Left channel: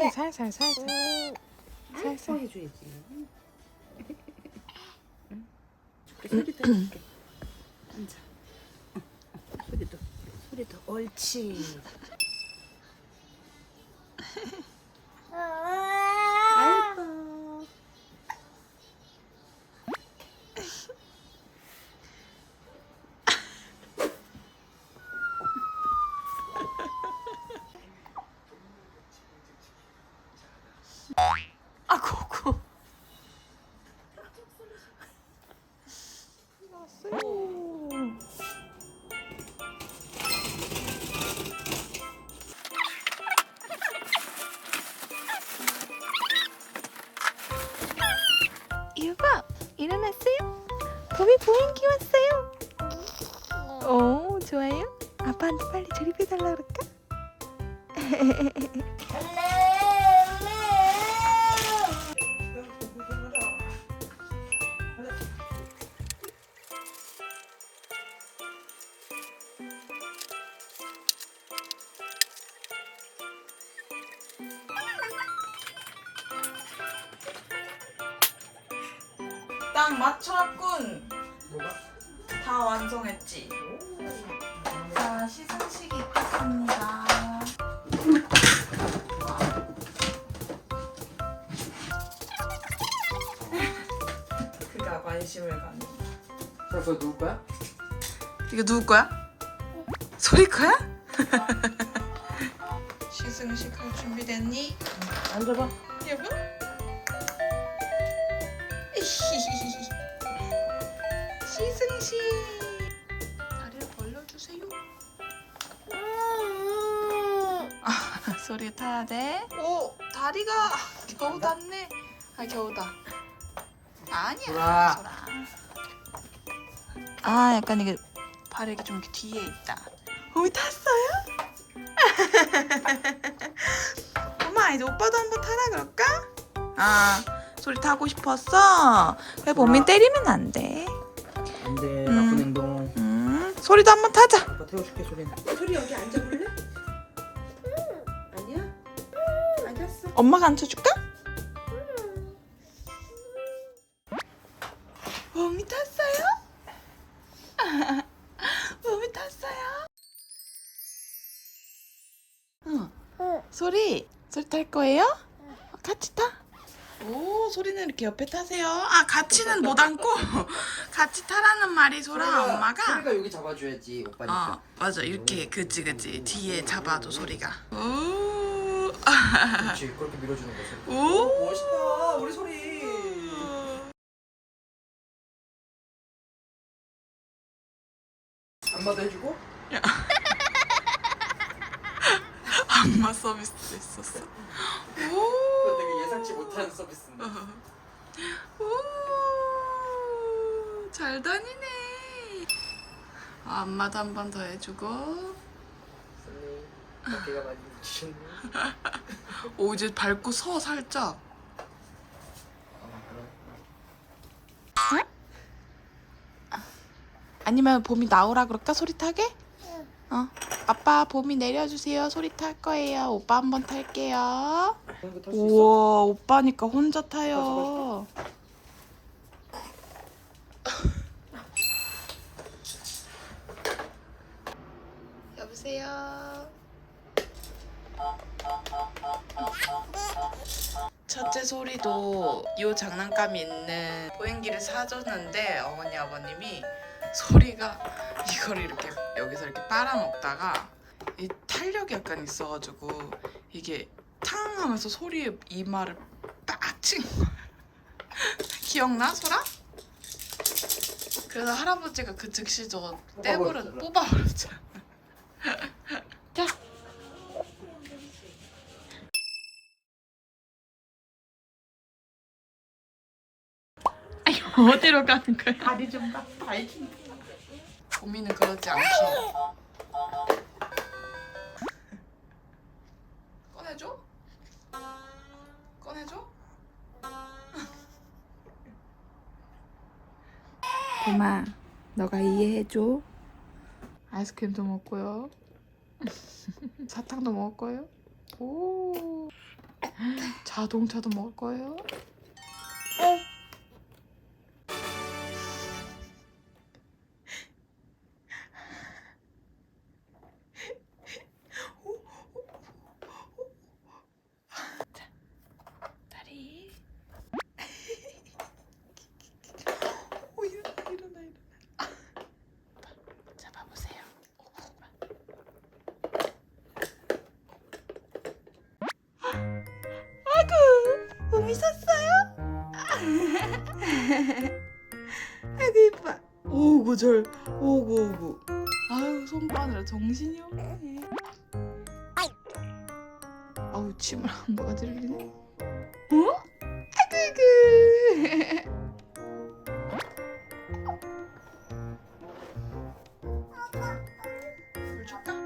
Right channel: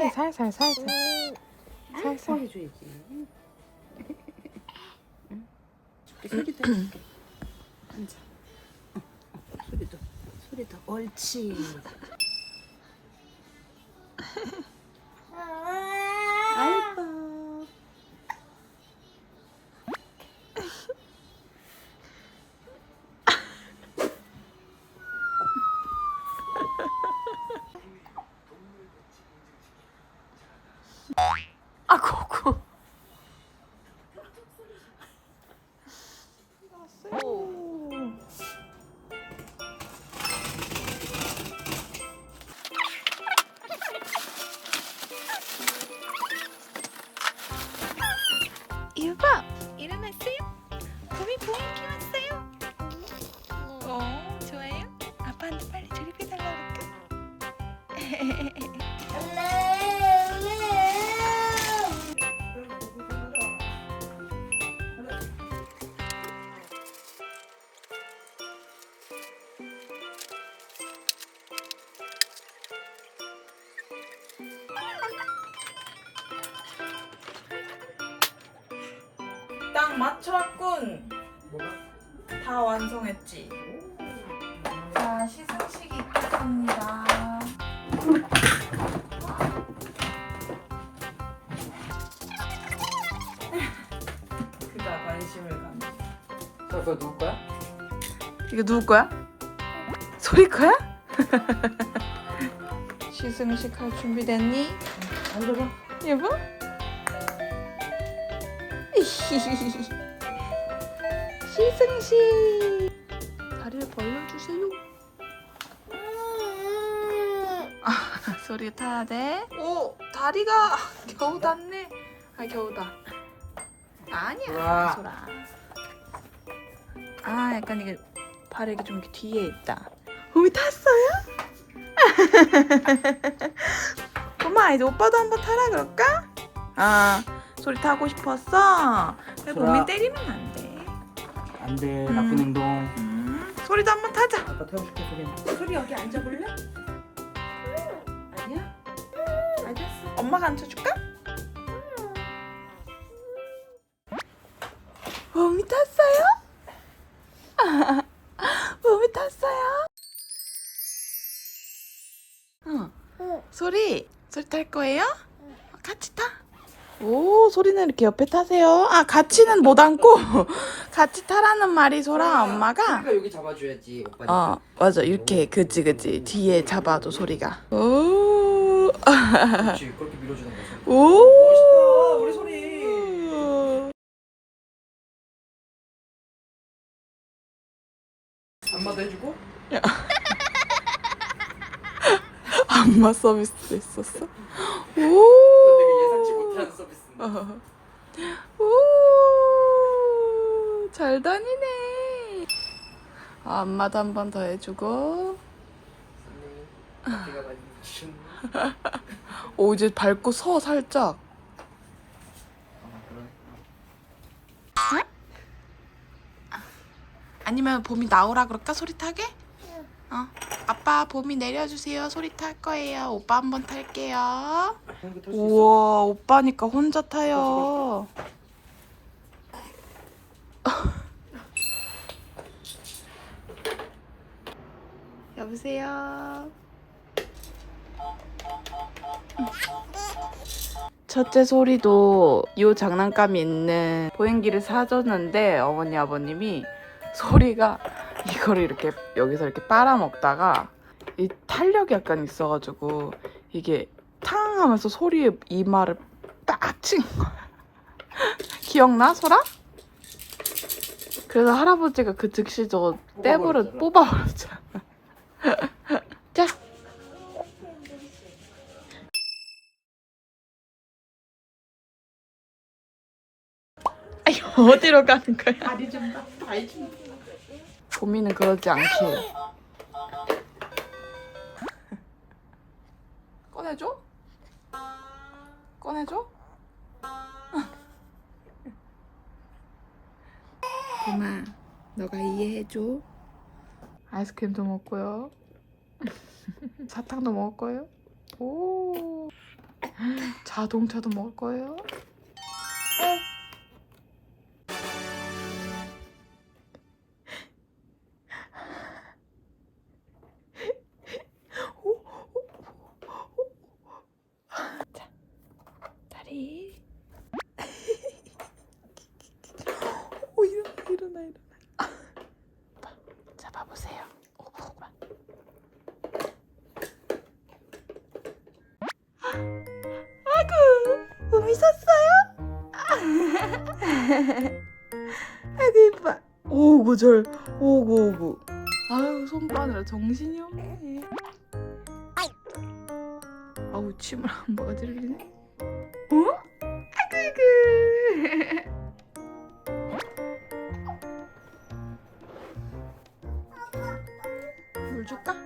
살살 살살 살살 살살 해줘야지. 소리도 해줄게. 앉아. 소리도, 소리도. 옳지. 거미 보행기 왔어요 오 좋아요? 아빠한테 빨리 조립해달라 그럴까? 딱 맞췄군? 다 완성했지 자 시상식이 있겠습니다 그가 관심을 갖는 자, 그거 누울 거야? 이거 누구 거야? 소리 거야? 시승식 할 준비 됐니? 앉아봐. 여보? 시승식 다리를 벌려주세요 아, 소리 타야 돼? 오 다리가 겨우 닿네 아 겨우다 아니야 좋아. 소라 아 약간 이게 발이 이렇게 좀 이렇게 뒤에 있다 오 탔어요? 엄마 이제 오빠도 한번 타라 그럴까? 아 소리 타고 싶었어? 왜. 범인 때리면 안 돼. 안 돼. 음. 나쁜 행동. 음, 소리도 한번 타자. 아빠 태워줄게, 소리는. 소리 여기 앉아볼래? 아니야? 알겠어. 엄마가 앉혀줄까? 범이 탔어요? 범이 탔어요? 응. 소리, 소리 탈 거예요? 같이 타. 오, 소리는 이렇게 옆에 타세요. 아, 같이는 못 앉고 같이 타라는 말이 소라 엄마가. 소리가 여기 잡아줘야지, 오빠니까. 어, 맞아. 이렇게 그지 그지 뒤에 잡아도 소리가. 오, 그렇지, 그렇게 밀어주는 거지. 오. 멋있다, 우리 소리. 엄마도 해주고? 안마 서비스도 있었어. 오. 서비스인데. 오. 잘 다니네. 아, 안마도 한 번 더 해주고. 많이. 오 이제 밟고 서 살짝. 아니면 봄이 나오라 그럴까 소리 타게? 어. 아빠 봄이 내려주세요 소리 탈 거예요. 오빠 한 번 탈게요. 우와 오빠니까 혼자 타요. 여보세요. 첫째 소리도 이 장난감이 있는 보행기를 사줬는데 어머니 아버님이 소리가 이거를 이렇게 여기서 이렇게 빨아먹다가 이 탄력이 약간 있어가지고 이게 탕 하면서 소리에 이마를 빡 친 거야. 기억나 소라? 그래서 할아버지가 그 즉시 저거 떼버려 뽑아버렸잖아. 자. 아니 어디로 가는 거야? 다리 좀 딱, 다리 좀. 고민은 그러지 않게. 꺼내줘? 꺼내줘? 고마, 너가 이해해줘. 아이스크림도 먹고요. 사탕도 먹을 거예요. 오. 자동차도 먹을 거예요? 재밌었어요? 아이고 이뻐 오구 절 오구 오구 아유 손 빠느라 정신이 없네 아우 침을 안 봐가지르네 어? 아이고 아이고 물 줄까?